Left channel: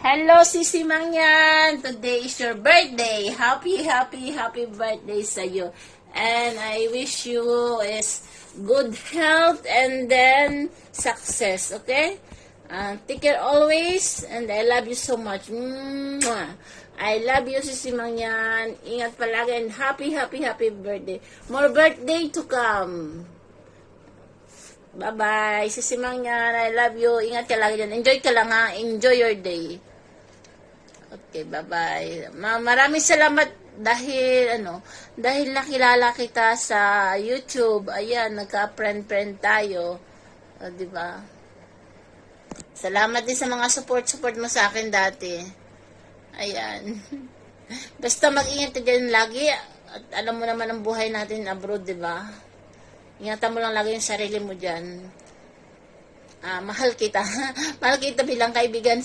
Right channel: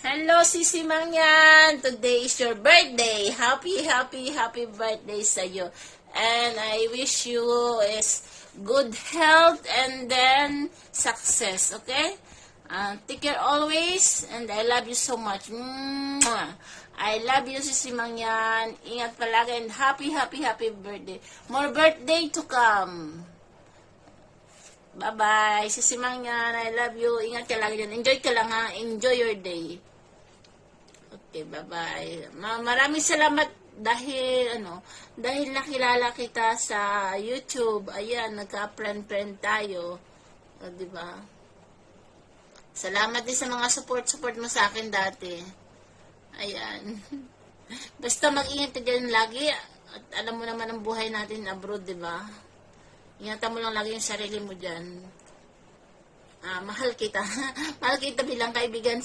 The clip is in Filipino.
Hello, Sisi Mangyan! Today is your birthday. Happy birthday sa iyo. And I wish you is good health and then success, okay? Take care always and I love you so much. Mwah! I love you, Sisi Mangyan. Ingat palagi and happy birthday. More birthday to come. Bye-bye, Sisi Mangyan. I love you. Ingat ka lagi dyan. Enjoy ka lang ha. Enjoy your day. Okay, bye-bye. Maraming salamat dahil dahil nakilala kita sa YouTube. Ayan, nagka-friend tayo. O, di ba? Salamat din sa mga support mo sa akin dati. Ayan. Basta mag-ingat ka dyan lagi. At alam mo naman ang buhay natin abroad, di ba? Ingatan mo lang lagi yung sarili mo dyan. Mahal kita. Mahal kita bilang kaibigan